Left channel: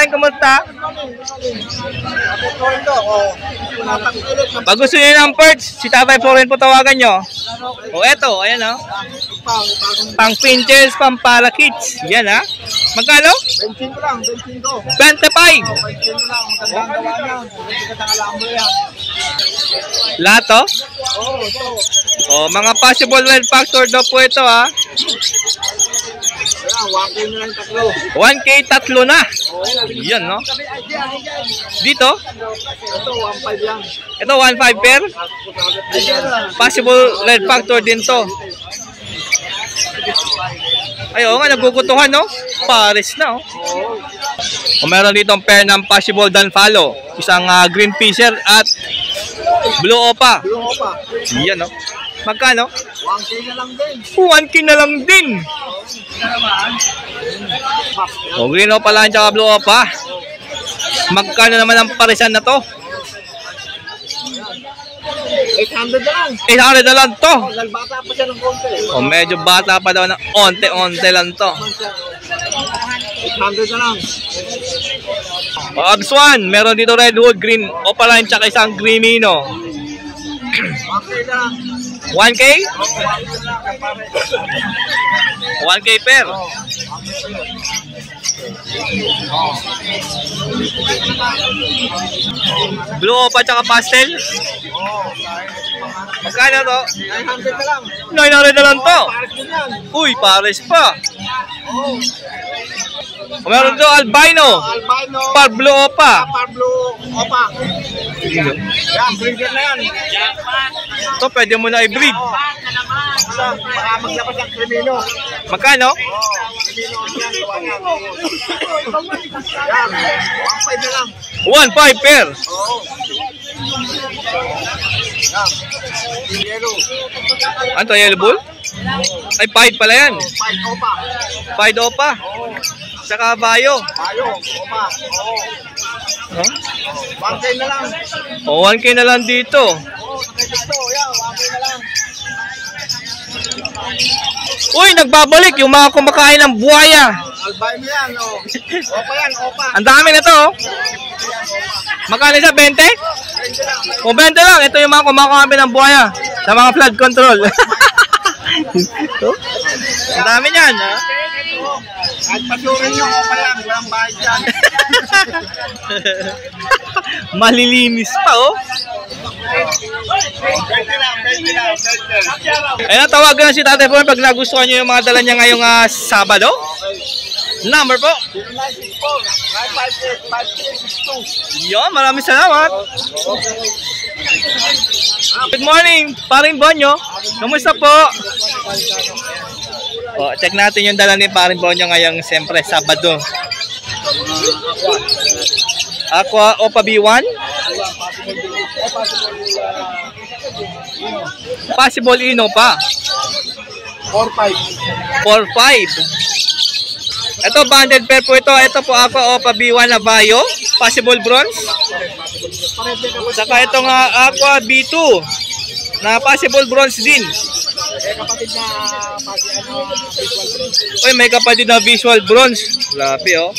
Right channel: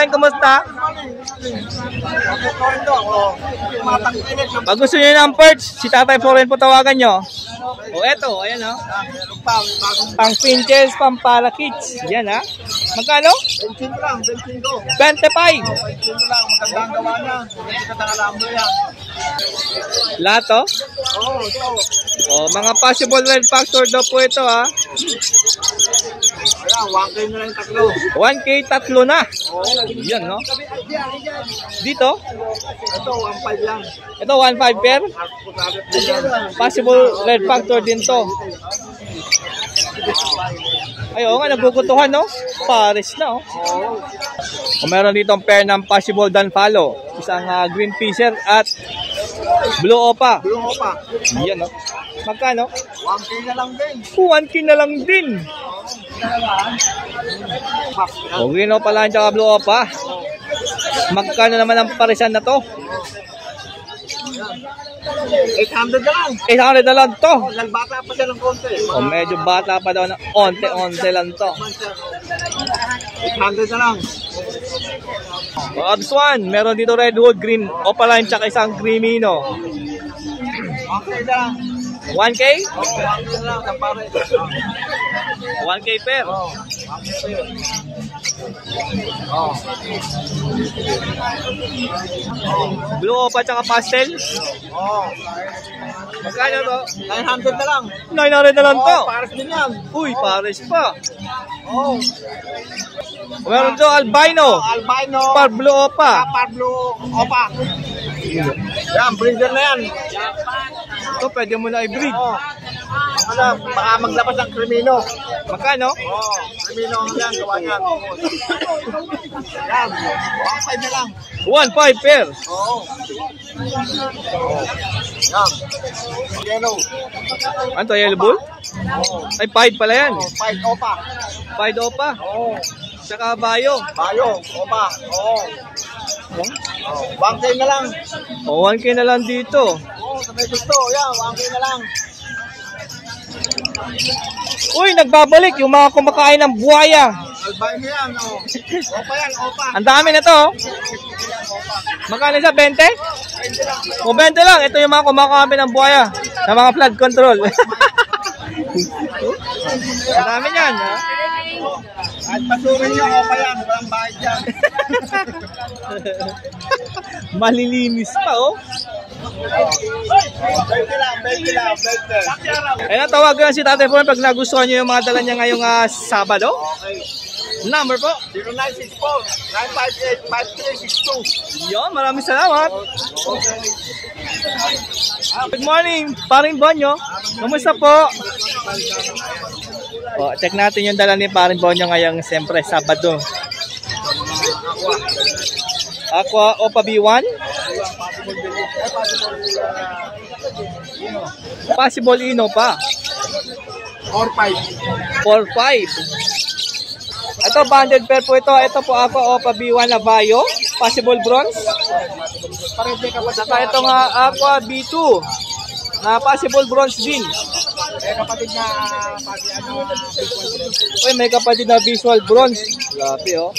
Florin, kumusta? Pag gusto niyo ng perch, si Tatay Florin po tawagan nyo. O eto, ayan o. Pang pinches, pang parakits. Yan ha. Magkano? 25 lang, 25. 25. 25 lang, magandang gawa niya. Magandang alambo yan. Lahat o? Oo, ito. O, mga possible well factor daw po ito ha. Ayan, 1K na lang tatlo. 1K tatlo na. Oo. Yan no. Dito? Ito, 1.5 lang. Ito 1.5 per. Possible lead factor din to. Ay, oo nga, nagugutuhan, no? Pares na, oh. Oo. O meron dito ang pair ng possible dan follow. Isang green fisher at blue opa. Blue opa. Yan, no? Magkano? 1K na lang din. 1K na lang din. O, green opa lang tsaka blue opa. Magkano naman ang parisan na to? 800 na lang. 800 na lang to. Nalbata pa siya ng konti. O, medyo bata pa daw ng onte-onte lang to. 800 na lang. O, Agswan, meron dito redwood, green opaline, tsaka isang greenino. 1K na lang. 1K? Oo, 1K na lang, kapare. 1K per. Oo. Blue opa tsaka pastel. Oo. Magkano to? 900 na lang. 900 na lang to. Oo, pares din yan. Uy, pares pa. Oo. O, meron dito albino. Albino. Par blue opa. Par blue opa. Yan, breeder na yan. Ito, pwede mo na i-breed. Oo. Baka maglabas ng krimino. Magkano? Oo, krimino yan, gawa yan. Yan, 1.5 na lang. 1.5 per. Oo. Yan. Yellow. Ano to, yellow bull? Oo. Ay, pied pala yan. 5 opa. Pied opa. Oo. Tsaka bayo. Bayo, opa. Oo. Huh? 1K na lang. O, 1K na lang dito. Oo, sa may gusto. Yan, 1K na lang. Uy, nagbabalik yung mga kumakain ng buhaya. Albino yan, oh. Opa yan, opa. Ang dami na to. Oh. Opa. Magkano sa 20? 20 lang. O 20 lang. Ito yung mga kumakain ng buhaya sa mga flood control. Ang dami niyan, ha? At pasurin yung opa yan, walang bayad yan. Malilinis pa, oh. 20 lang, 20 lang, 20. Ayun, tawagan na si Tatay Florin pag nagustuhan nyo yung mga dala niya ngayong Sabado. Okay. Number po. 0964-958-5362. Yon, maraming salamat. Good morning, Paring Bonyo. Kamusta po? O, check natin yung dala ni Paring Bonyo ngayong siyempre Sabado. Aqua Opa B1. Possible Ino pa. 4-5. 4-5. Ito banded pair po ito. Ito po Aqua Opa B1 na Bayo. Possible bronze. Saka ito nga Aqua B2 na possible bronze din. Kapatid na Uy, may kapatid na visual bronze. Grabe oh.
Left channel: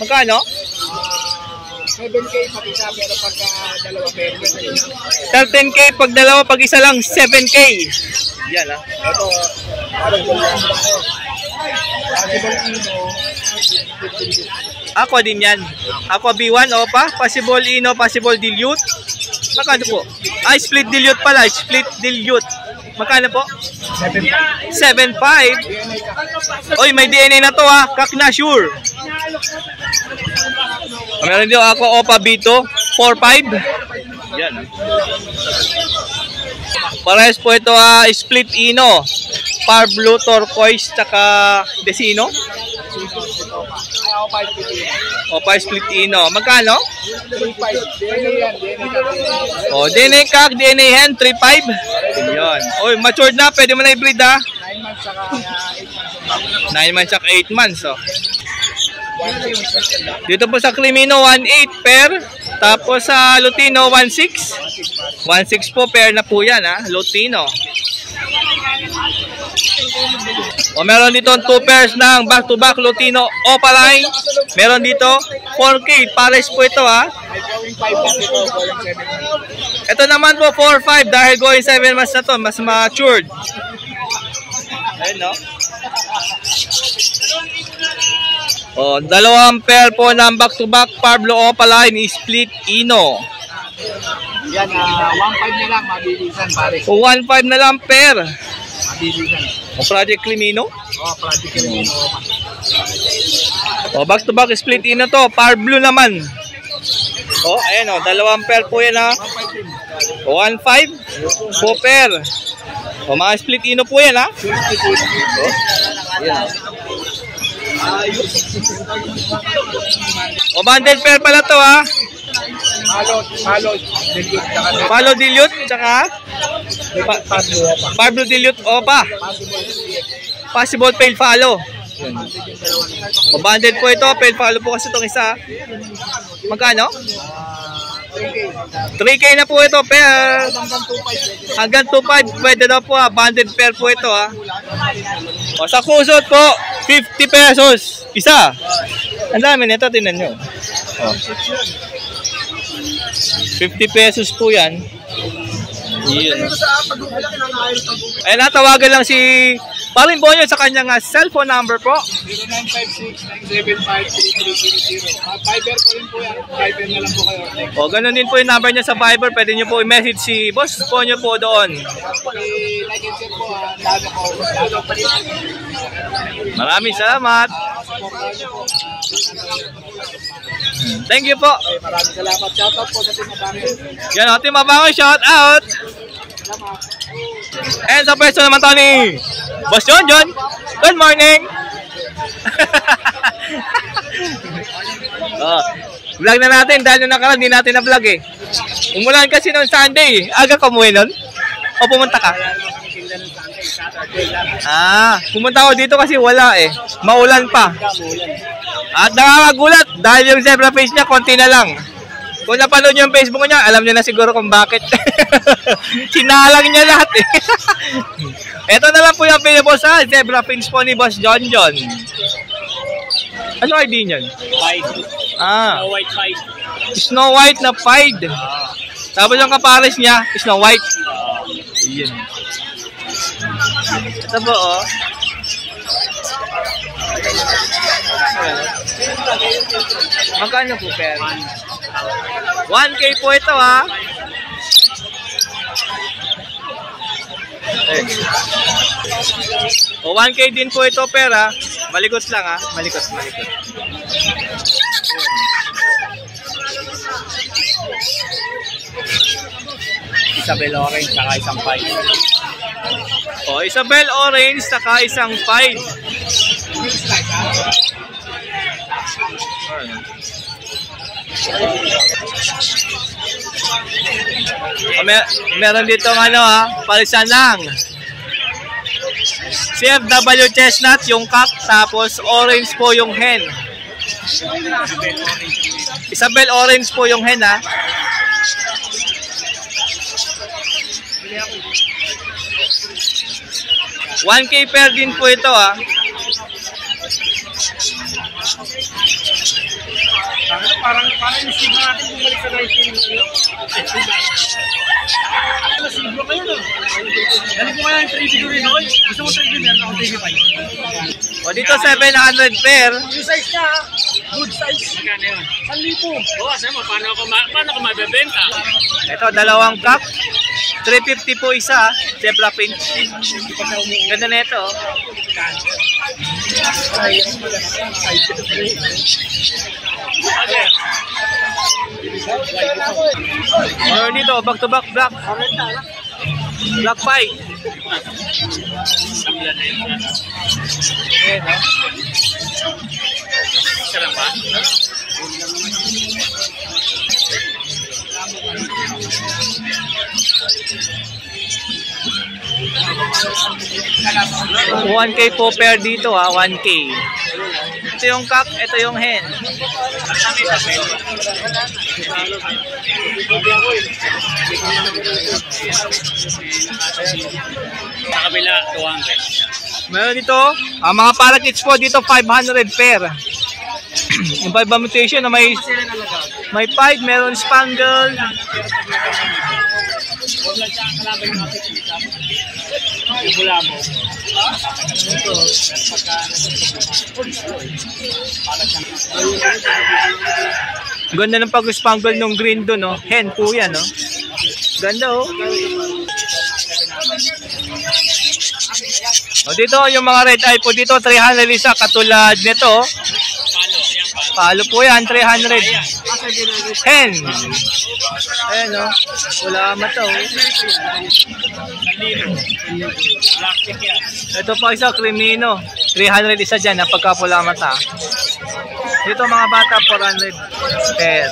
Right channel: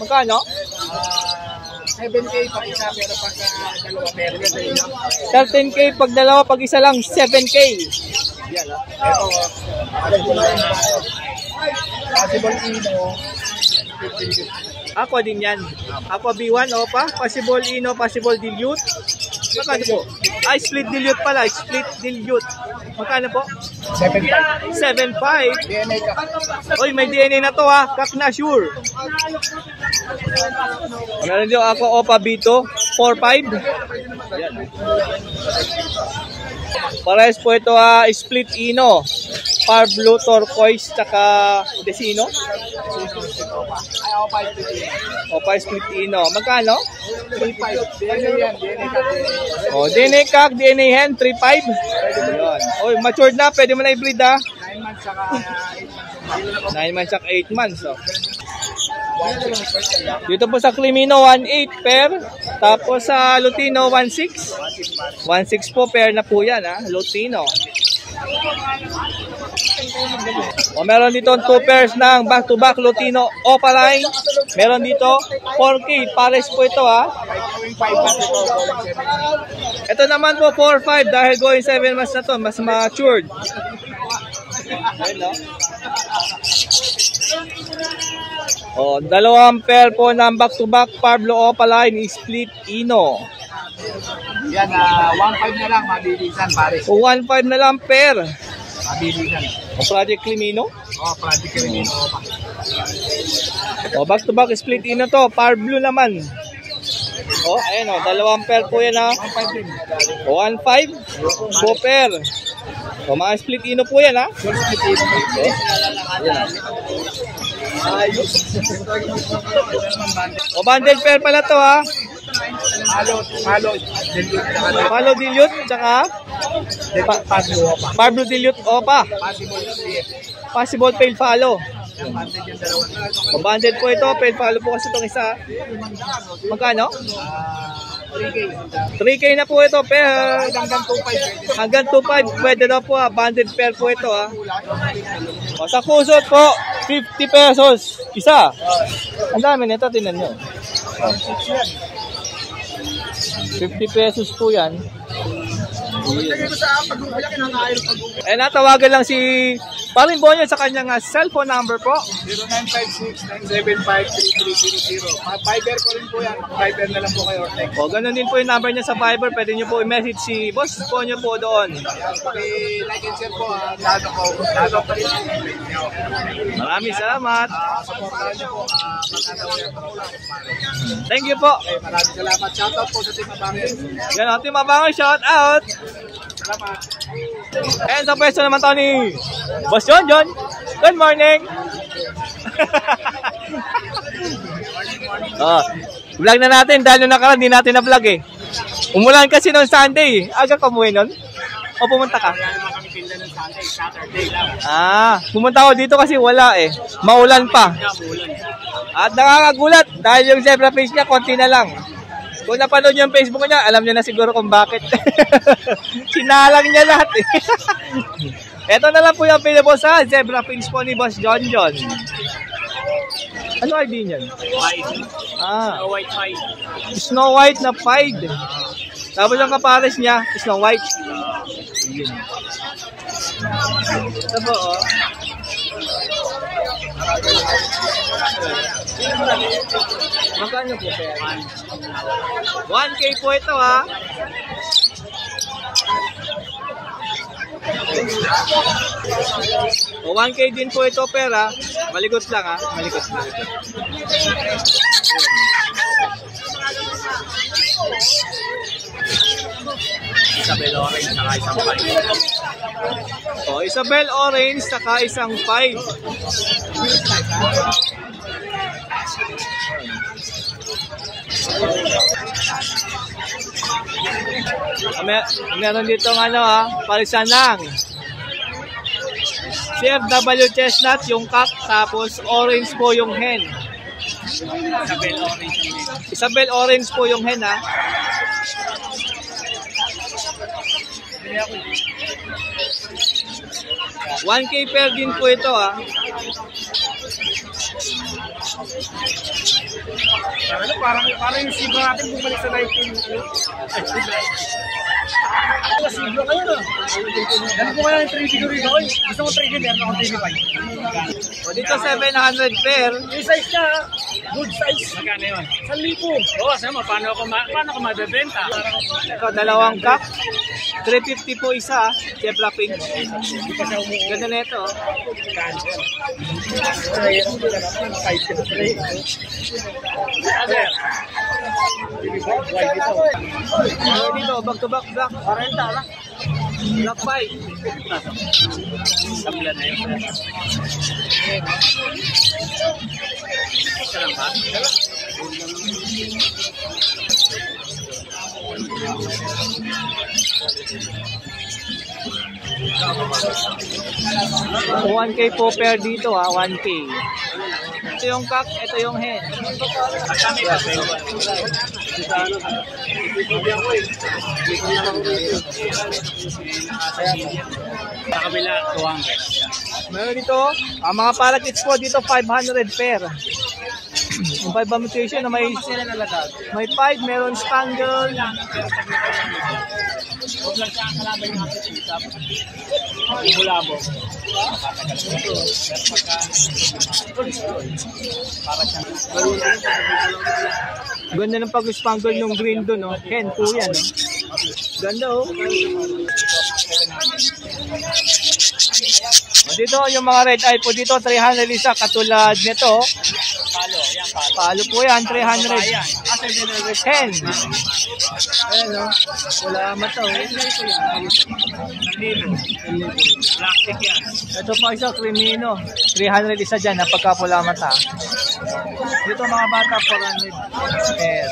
Magkano? 7K pag isa, pero pagka dalawa meron sa inyo. 13K pag dalawa, pag isa lang 7K. Yan ah. Ito, possible Ino, 15. Aqua din yan. Aqua B1 Opa. Possible Ino, possible dilute. Magkano po? Ay, split dilute pala. Split dilute. Magkano po? 7.5. 7.5. DNA ka. Oy, may DNA na to ha. Kak na sure. Meron dito Aqua Opa B2. 4.5. Yan ah. Parehas po ito split Ino. Par blue turquoise tsaka Desino. Ay, ako 5 Opa split Ino. Magkano? 3.5. DNA yan, DNA ka. O, DNA kak, DNA hen, 3.5. Yun. Oy, matured na. Pwede mo na i-breed ha. 9 months saka 8 months. 9 months at 8 months. Oh. Dito po sa Crimino, 1.8 per. Tapos sa Lutino, 1.6. 1.6 po, pair na po yan ha. Lutino. O meron dito 2 pairs ng back-to-back Lutino Opaline. Meron dito 4K, pares po ito ha. May going 5 months ito, going 7 months. Ito naman po 4-5 dahil going 7 months na to, mas matured. Ayun no. Oh, dalawang pair po ng back-to-back Pablo Opaline split Ino. Yan, 1.5 na lang, mabilisan pares. O 1.5 na lang pair. Mabilisan. O Project Crimino. Oh, Project Crimino. O back-to-back split Ino to, Par Blue naman. O, ayan o, dalawang pair po yan ha. 1.5 din. O 1.5 po pair. O mga split Ino po yan ha. Full split Ino. O, ayan o. O bundle pair pala to ha. Malo dilute tsaka Pablo dilute Opa. Possible fail follow. O banded po ito, fail follow po kasi itong isa. Magkano? 3K na po ito pair. Hanggang 2.5 pwede daw po ha. Banded pair po ito ha. O sa kusot po 50 pesos isa. Ang dami nito, tingnan nyo. O. 50 pesos po yan. Yun. Ay natawagan lang si Paring Bonyo sa kanyang cellphone number po. 0956-975-3300. Viber ko rin po yan. Viber na lang po kayo. O ganun din po yung number niya sa Viber. Pwede nyo po i-message si Boss Bonyo po doon. Like and share po. Lalo ko. Maraming salamat. Supportahan nyo po. Thank you po. Okay, maraming salamat. Shoutout po sa Team Abangin. Yan o, Team Abangin, shout out. Salamat. And sa pwesto naman to ni Boss John. Good morning. Vlog na natin dahil nung nakaraan di natin na vlog eh. Umulan kasi noong Sunday. Aga ka umuwi nun? O pumunta ka? Pumunta ako dito kasi wala eh. Maulan pa. At nakakagulat dahil yung zebra face niya konti na lang. Kung napanood niyo yung Facebook niya, alam niyo na siguro kung bakit. Sinalang niya lahat eh. Ito na lang po yung available sa zebra fins po ni Boss John. Ano ID niyan? Pied. Snow White Pied. Snow White na Pied. Tapos yung kapares niya, Snow White. Yan. Ito po oh. Magkano po pera? 1K po ito ha. O 1K din po ito pera. Malikot lang ha. Malikot. Isabel Orange saka isang Pied. O Isabel Orange saka isang Pied. Meron dito ng ano ha, palisan lang. CFW chestnut yung cock, tapos orange po yung hen. Isabel Orange po yung hen ha. $1K pair din po ito ha. Parang yung siglo natin bumalik sa live stream. Siglo kayo no? Dali po kaya yung 3 siguro rin ako. Gusto mo 3 meron akong 3.5. O dito 700 pair. Yung size niya, good size. Magkano yun? 1,000. Oo, sama, paano ko mabibenta? Ito, dalawang cock. 350 po isa, zebra finch. Ganda na ito. Dito, back to back black. Black pie. Sabla na yun. Sarang ba? $1K po pair dito ha, 1K. Ito yung cock, ito yung hen. Sa kabila, 200. Meron dito, mga parakeets po dito 500 pair. Yung Viva mutation na may pied, meron spangle. Ganda ng pag-spangle nung green doon, no? Hen po yan, no? Ganda, oh. O dito, yung mga red eye po dito, 300 isa. Katulad nito, oh. Palo po yan, 300. Hen. Ayan, no? Wala mata, oh. Ito po isa, Crimino. 300 isa dyan, napagkapula mata. Dito mga bata, 400 pair.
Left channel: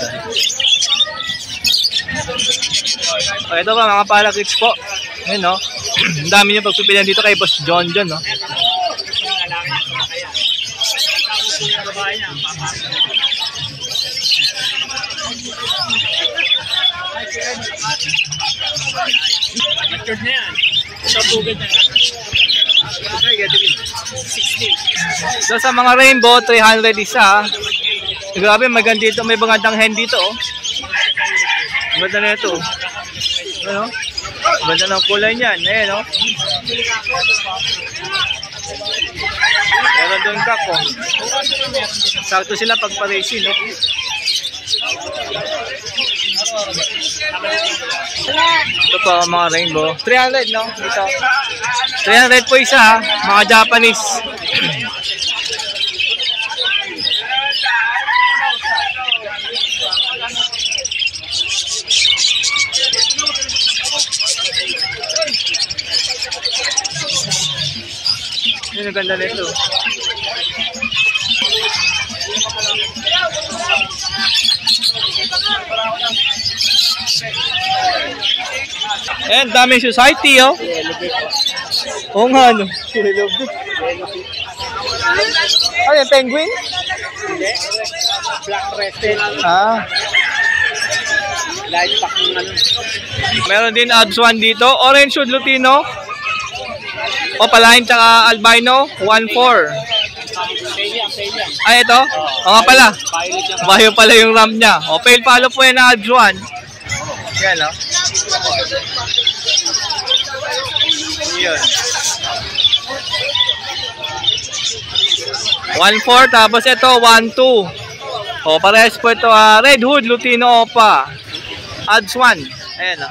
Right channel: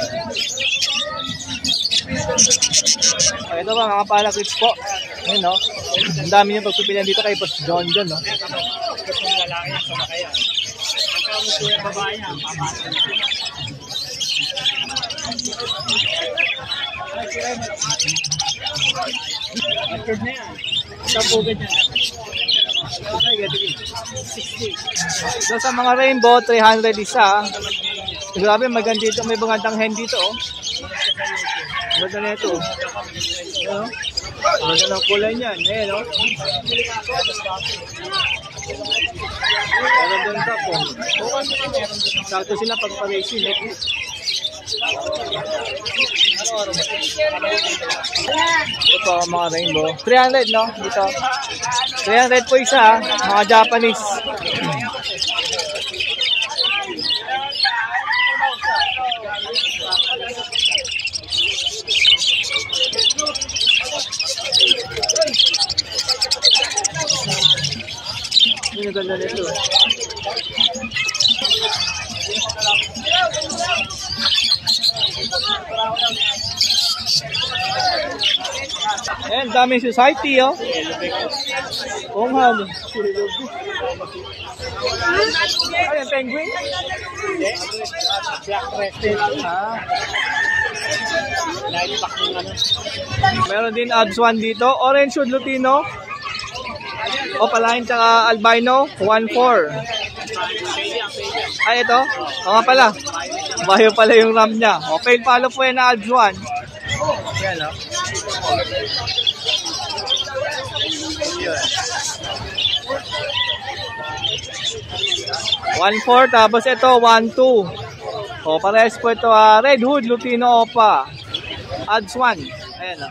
O, ito ba mga parakeets po. Ayan, no? Ang dami nyo pagpipilian dito kay Boss John, no? Matured na yan. Ito bugad na. 60. So sa mga rainbow, 300 isa. Grabe, maganda dito. May magandang hen dito, oh. Maganda na ito. Ano? Maganda ng kulay niyan. Ayan, oh. Meron doon kako. Sakto sila pag pa-racing, no? Ito po mga rainbow. 300, no? Dito. 300 po isa, ha? Mga Japanese. Yun ang ganda nito. Ayan, daming society, oh. Oo nga, ano. Ano yung penguin? Black crested. Ah. Light pack ng ano. Meron din Adswan dito. Orange Hood Lutino. Opaline tsaka albino. 1.4. Ay, ito. O nga pala. Bayo pala yung RAM niya. O, pale follow po yan na Adswan. Yan, o. Yun. 1.4, tapos ito 1.2. O, parehas po ito, Red Hood Lutino Opa. Adswan. Ayan, o.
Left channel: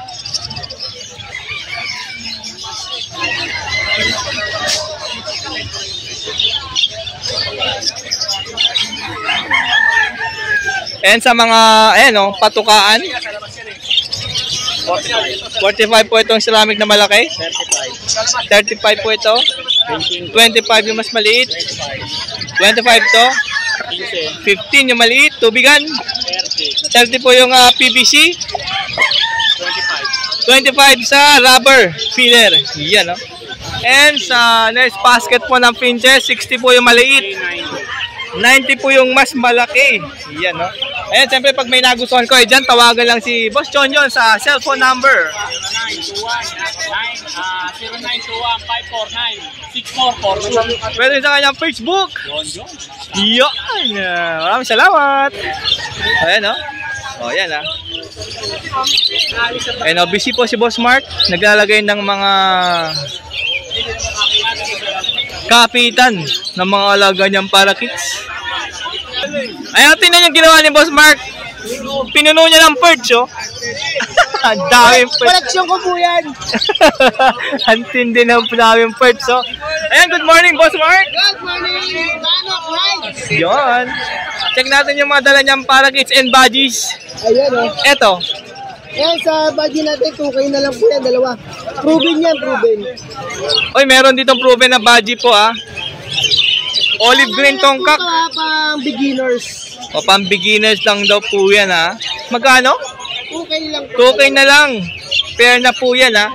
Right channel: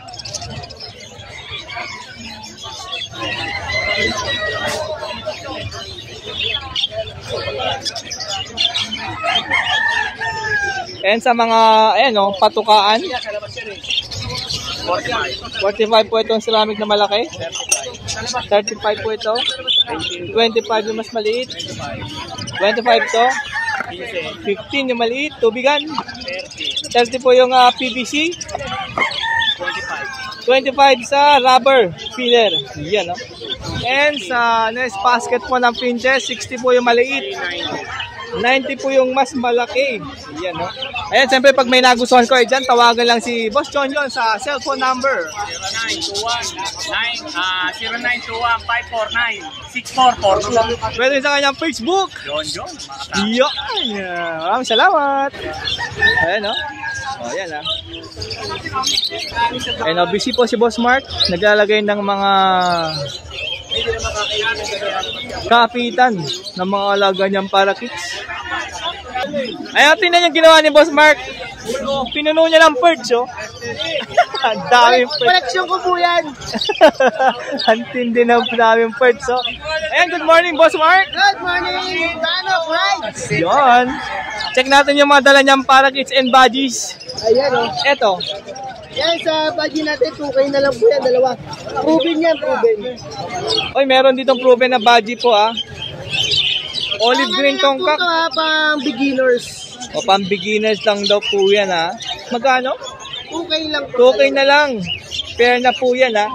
And sa mga, ayan, o, patukaan. 45 po itong ceramic na malaki. 35 po ito. 25 yung mas maliit. 25 to. 15 yung maliit. Tubigan. 30 po yung PVC. 25 sa rubber filler. Yan, no? And sa next basket po ng pinches, 60 po yung maliit. 90 po yung mas malaki. Yan, no? Ayan, siyempre pag may nagustuhan ko, dyan, tawagan lang si Boss John sa cellphone number. 0921-549-6442. Pwede sa kanyang Facebook. John. Yan. Maraming salamat. Ayan, no? O, yan, ha. Ayan, o, busy po si Boss Mark. Naglalagay ng mga kapitan ng mga alaga niyang parakeets. Ayan, tingnan yung ginawa ni Boss Mark. Pinuno niya ng perch, oh. Ang daming perch. Koleksyon ko po yan. Ang tindi ng daming perch, oh. Ayan, good morning, Boss Mark. Good morning, Danok Rides. Yon. Check natin yung mga dala niyang parakeets and budgies. Ayan, oh. Eto. Yan, sa budget natin, 2K na lang po yan, dalawa. Proven yan, proven. Oy, meron ditong proven na budgie po, ah. Olive green tongkak. Ito, pang beginners. O, pang beginners lang daw po yan, ha. Magkano? 2K lang po. 2K na lang. Pair na po yan, ha.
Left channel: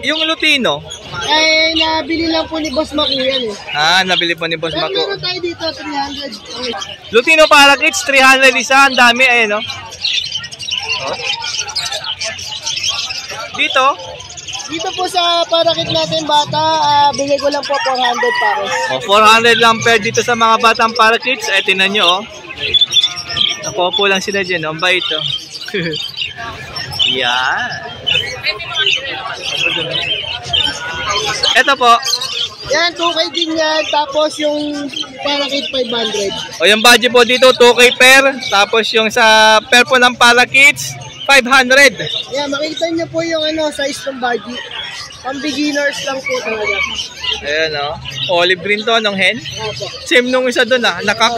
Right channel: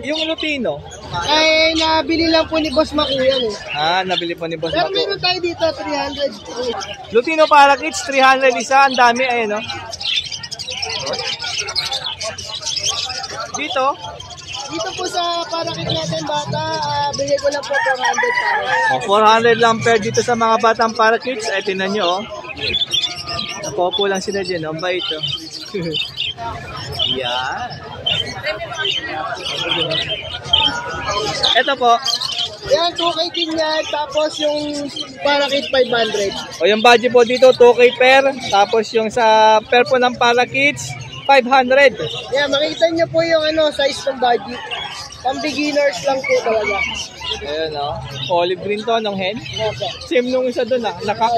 Yung Lutino. Ay, nabili lang po ni Boss Mac yan, eh. Ah, nabili po ni Boss Pero Mako. meron tayo dito, 300. Lutino parakeets, 300 isa. Ang dami, ayun, no. Oh. Dito, Dito po sa parakit natin bata, bigay ko lang po 400 pares. O, 400 lang per dito sa mga batang parakeets. Eh, tinan nyo, oh. Napopo lang sila dyan, oh. Ang bait, oh. Yan. Ito po. Yan, 2K din yan. Tapos yung parakit 500. O, yung budget po dito, 2K per. Tapos yung sa per po ng parakeets, 500. Yan, makikita niyo po yung size ng budget. Pang beginners lang po talaga. Ayan, oh. Olive green to, nung hen. Opo. Same nung isa doon, ah. Nakak.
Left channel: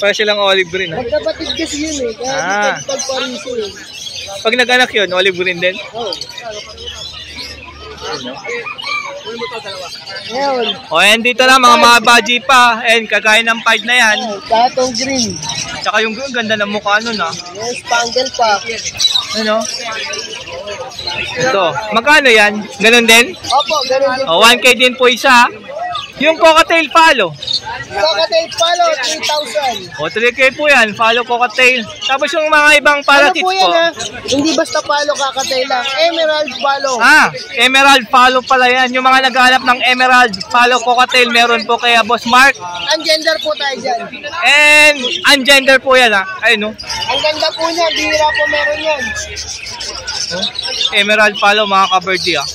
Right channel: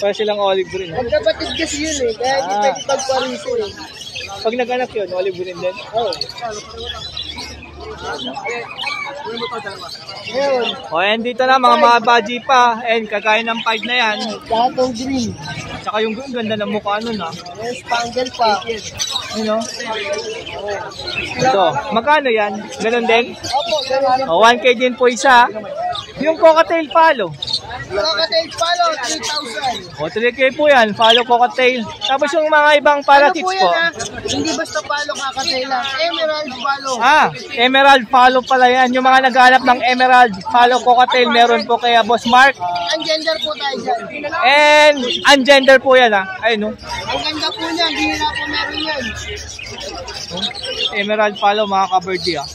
Para silang olive green, ah. Magkapatid kasi yun eh. Kaya hindi pagpariso eh. Pag nag-anak yun, olive green din. Oo. Ngayon, O, and dito na, mga baji pa. And kagaya ng 5 na yan. katong green. Tsaka yung ganda ng mukha nun, ah. Yan, spangle pa. Ano? Ito. Magkano yan? Ganun din? Opo, ganun din. O, 1K din po isa. Yung cocktail follow. Cocktail follow, 3,000. O, 3K po yan. Follow cocktail. Tapos yung mga ibang parakeets po. Yan, hindi basta follow cocktail lang. Emerald follow. Emerald follow pala yan. Yung mga naghahanap ng emerald follow cocktail, meron po kaya Boss Mark. Ungender po tayo dyan. And ungender po yan, ha. Ayun, no. Ang ganda po niyan, bihira po meron yan. Emerald follow, mga ka-birdie, ha.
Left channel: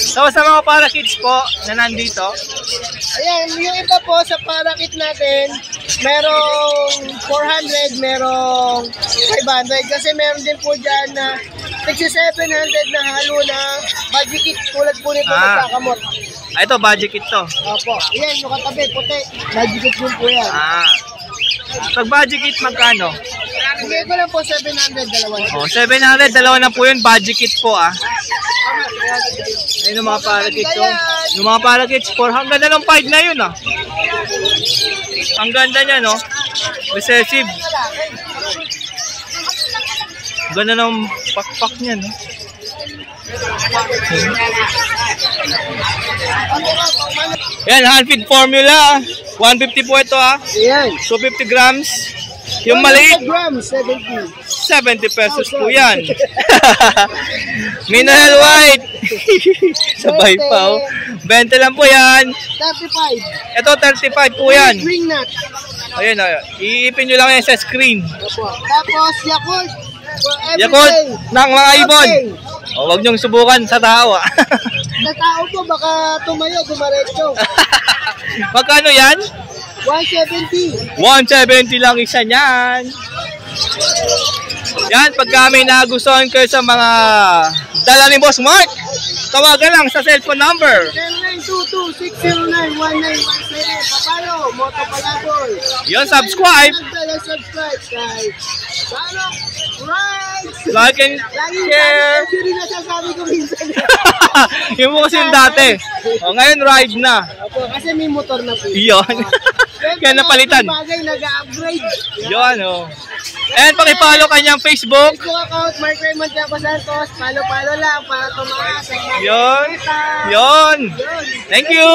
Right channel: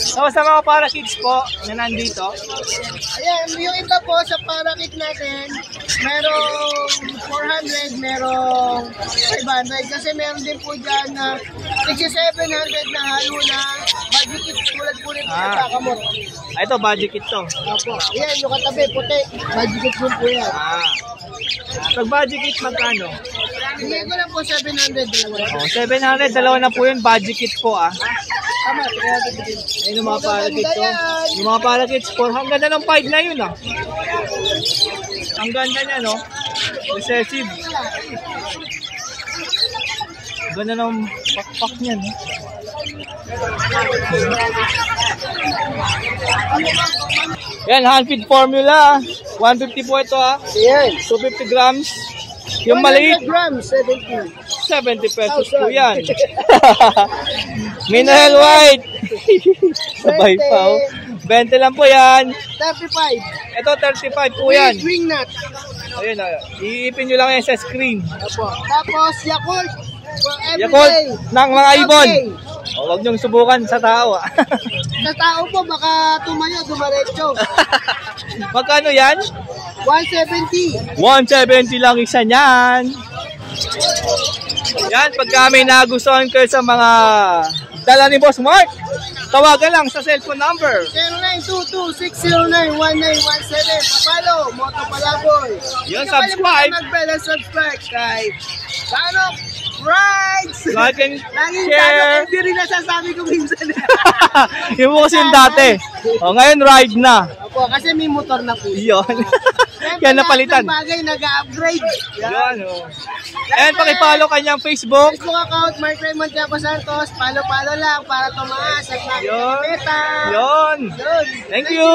So, sa mga parakeets po na nandito, Ayan, yung iba po sa parakit natin, merong 400, merong 500. Kasi meron din po dyan na 6,700 na halo na budget tulad po nito sa kakamot. Ito, budget kit to. Opo, ayan, yung katabi, puti. Budget yun po yan. Pag budget kit, magkano? Hindi ko lang po 700, dalawa. O, 700, dalawa na po yun, budget kit po, ah. Tama, 300. Ayun yung mga parakeets, oh. Yung mga parakeets, 400 na ng 5 na yun, ah. Ang ganda niya, no? Recessive. Ganda ng pakpak niya, no? Yan, hand feed formula. 150 po ito, ah. Ayan. 250 grams. Yung maliit, 100 grams, 70. 70 pesos po yan. Mineral white. Sabay pa, oh. 20 lang po yan. 35. Ito, 35 po yan. Green nut. Ayun, ayun. Iipin nyo lang yan sa screen. Opo. Tapos, Yakult. For every Yakult day. ng mga ibon. Okay. O, huwag nyong subukan sa tao, ah. Sa tao po, baka tumayo, dumaretso. Magkano yan? 170. 170 lang isa niyan. Yan, pagka may nagustuhan kayo sa mga dala ni Boss Mark, tawagan lang sa cellphone number. 0922-609-1917. Kapalo, Moto Palaboy. Yun, subscribe. Mag-bell and subscribe kay Sanok Rides. Like and Laging share. Sanok, hindi rin nasasabi ko minsan. Yung po kasi yung dati. O, ngayon ride na. Opo, kasi may motor na po. Yun. Kaya napalitan. Bagay, nag-upgrade. Yun, oh. And pakipollow kanyang Facebook. Facebook account, Mark Raymond Tiago Santos. Follow lang para tumaas. Yun. Meta. Yun. Yun. Thank you.